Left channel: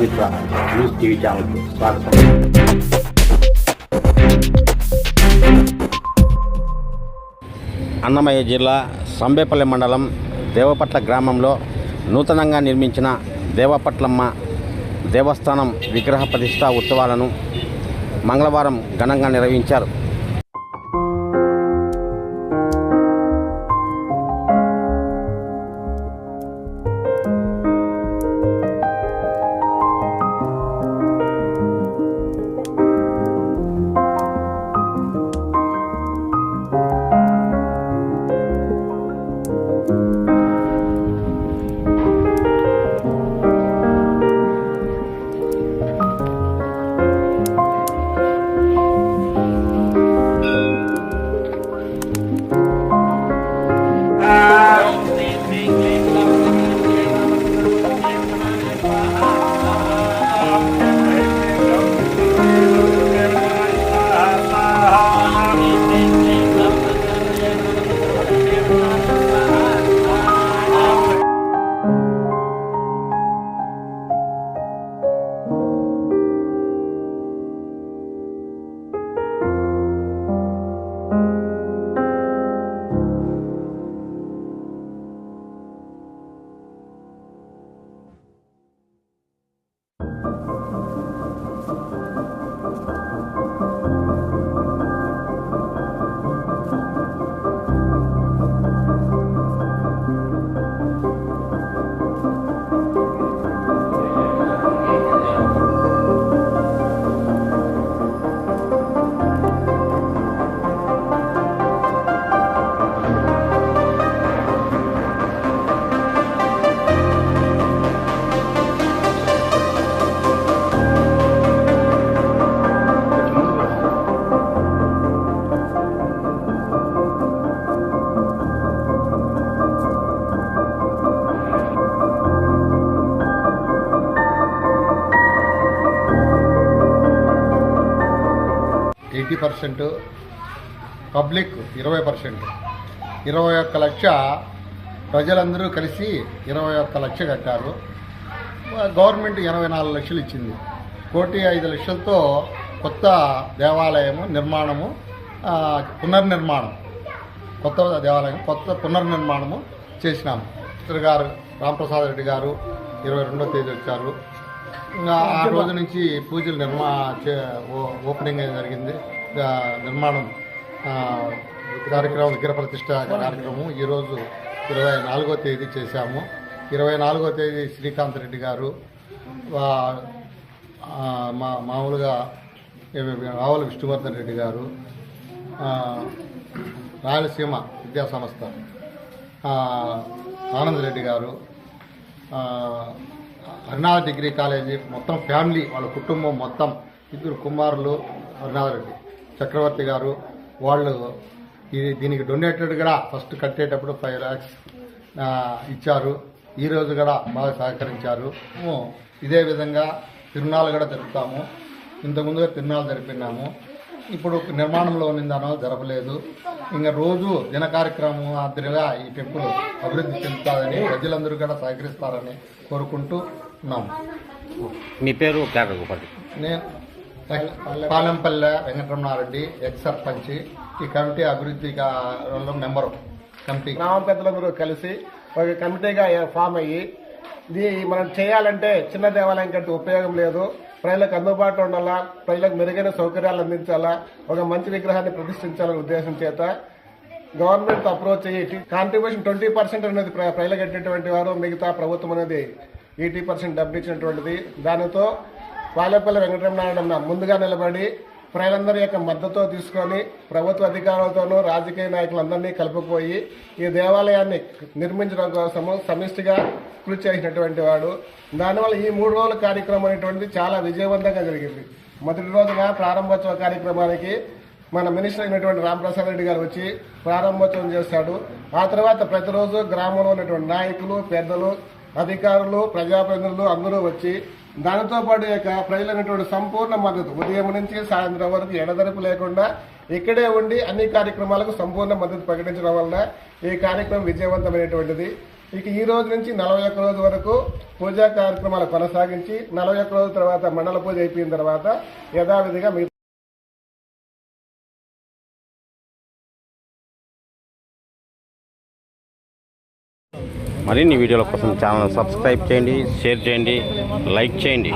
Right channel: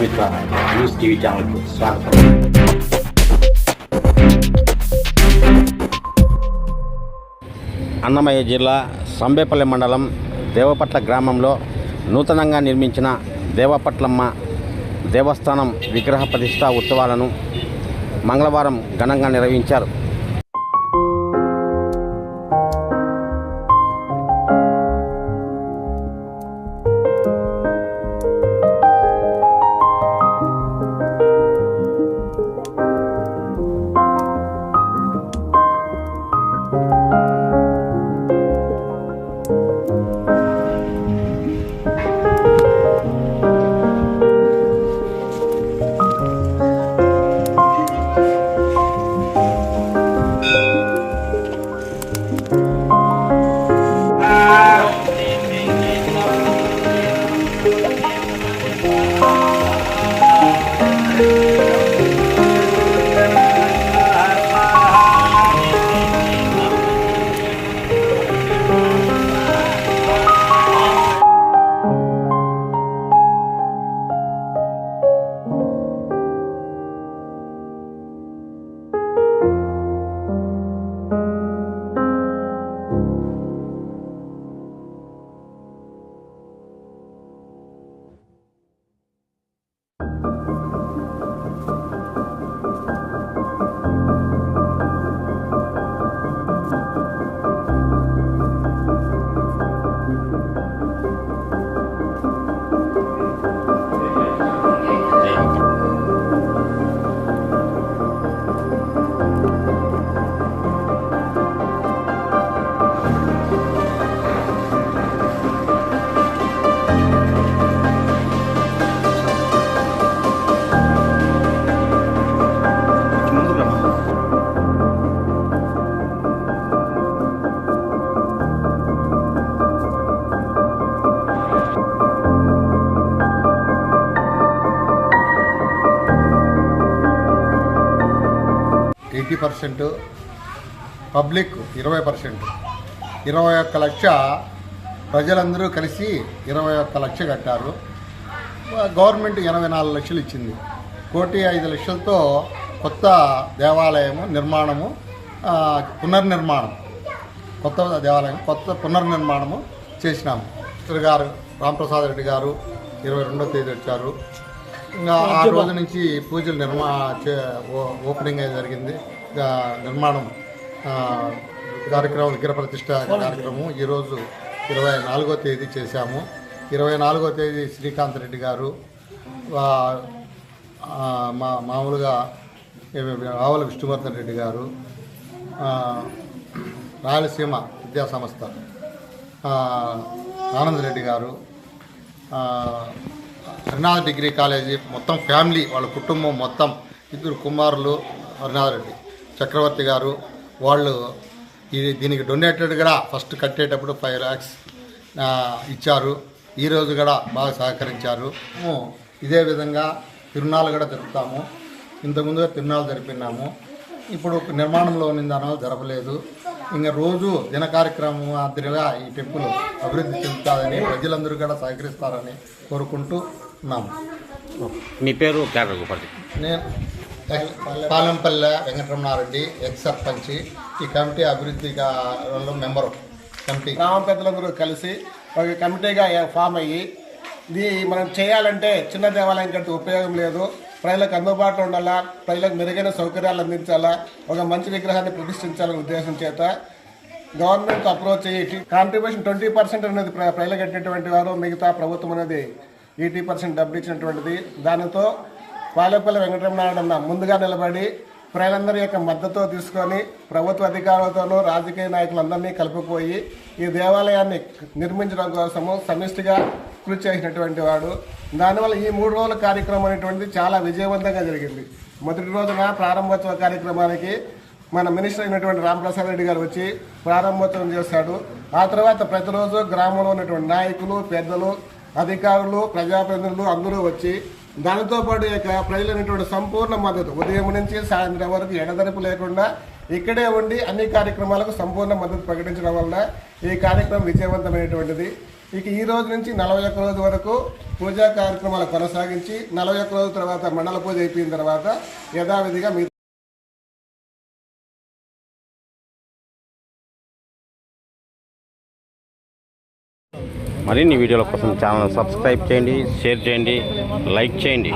Prajamitra news TV ఛానల్కు స్వాగతం. అన్నమయ్య జిల్లా సంబేపల్లి మండలం దేవపట్ల గ్రామంలో నూతనంగా నిర్మించిన దేవపట్లమ్మ దేవస్థానం విగ్రహ ప్రతిష్ఠా ఉత్సవాలను మంగళవారం ఘనంగా నిర్వహించారు. పబ్లిక్ 20%, 21 లక్ష ప్రజలందరూ కలిసి 21 లక్ష కట్టారు. గవర్నమెంట్ 84 లక్షలు ఇచ్చింది. 1,05,00,000తో కొత్త దేవాలయము నిర్మాణము, పునర్నిర్మాణం, కొత్త దేవాలయం పునర్నిర్మాణము చేసినాము. మినిస్టర్ గారు రాంప్రసాద్ రెడ్డి గారు 22వ తేదీ వచ్చారు. ఇంకా ఆ రోజు నుంచి పూజలు ఓపెనింగ్ జరిగింది. నిర్మాణం కార్యక్రమం, విగ్రహ ప్రతిష్ట కార్యక్రమం ఈరోజు 24వ తేదీ చేశాము. 24వ తేదీ శ్రీకాంత్ రెడ్డి గారు, మామూలుగా ఆవుల విష్ణువర్ధన్ రెడ్డి గారు, రాయలసీమ విద్యా సంస్థ ఆనంద్ రెడ్డి గారు, హరినాథ్ డిగ్రీ కాలేజీ మొత్తం ఫ్యామిలీ, వాళ్ళ కుటుంబం మొత్తం 2 కుమారులు, హరినాథ్ రెడ్డి, చక్రవర్తి గారు, వాళ్ళు దీనికి డొనేటెడ్గా ఫస్ట్ కట్టేటప్పుడు 5 lakhs ఇచ్చారు. ఈరోజు కూడా బాగా సహకరించారు. ఇదే విధంగా తిరునాళ్ళు కూడా జరుపుతాము. ఇంతకుముందుగా తిరునాళ్ళు జరిపినాము. ఇప్పుడు నిర్మాణంలో ఉన్న దానివల్ల జరపలేదు. ఇంకా రోజు దిన కార్యక్రమం మాదిరిగా ఈ టెంపుల్ అభివృద్ధి చెందుతుందని, ప్రజలందరూ కూడా సహకరిస్తారని కోరుకుంటూ ఉన్నాము. మీ పేరు? నేను పాలెంపల్లె వెంకటరమణారెడ్డి, ఎక్స్ సర్పంచ్. ఈ కమిటీ అభివృద్ధి మెంబరు. కమిటీ గ్రామ పెద్దలందరూ కలిసి ఒక కమిటీగా ఫామ్ అయ్యి, ఇది మనం చేయాలంటే చిన్న దేవాలయం కంటే ఉపయోగం లేదు, ప్రజలకు అందుబాటులో ఉండాలా, ప్రజలకు మెరుగైన సౌకర్యాలు అందించాలా, ఒక మంచి విగ్రహాన్ని ప్రతిష్ఠించాలనే ఉద్దేశం చేత గవర్నమెంట్ అప్రోచ్ అయ్యి కాంట్రిబ్యూషన్ 20% అనేది ప్రజలకు కట్టినటువంటి వారు, మిగతా ప్రభుత్వం అనేది 80% డబ్బు ఇచ్చినటువంటిది. దానితో పాలెపల్లి వెంకటరమణారెడ్డి ముందుగా నిలబడి ప్రజలందరి యొక్క మద్దతు తీసుకొని ప్రభుత్వ అధికారులతోనూ రాజకీయ నాయకులందరినీ కలుపుకుపోయి ఈ దేవాలయాన్ని నిర్మించడం కోసము సమిష్టిగా కృషి చేసినటువంటి వాడు. దానివల్ల ఈ 3 రోజుల కార్యక్రమం అనేటువంటిది చాలా విజయవంతంగా జరిగింది. మొదటి రోజున ప్రారంభోత్సవ కార్యక్రమానికి మన మినిస్టర్ అయినటువంటి రాంప్రసాద్ రెడ్డి గారు వచ్చి ప్రారంభోత్సవం చేశాడు. ఆ తర్వాత ప్రతిరోజు గ్రామంలో ఉన్నటువంటి నాయకులు, పెద్దలు, అధికారులు, ప్రజాప్రతినిధులు అందరూ వచ్చి దానితో పాటు ప్రజలైనటువంటి సంపూర్ణ మద్దతు ఉదయం నుంచి సాయంత్రం వరకు ఎడతెరపు లేకుండా ఇక్కడే ఉండి అన్ని కార్యక్రమాలకు సంపూర్ణ మద్దతు ప్రకటించడం వల్ల ఈ కార్యక్రమం విజయవంతమైనటువంటిది. ఇక ఈ రోజు నుంచి 41 రోజు వరకు పూజా కార్యక్రమాలు కొనసాగించి 41 రోజుల తర్వాత మండల పూజ అయిపోయిన తర్వాత యథావిధిగా మరిన్ని వీడియోల కోసం ఛానల్ సబ్స్క్రైబ్ చేయండి, షేర్ చేయండి, లైక్ చేయండి.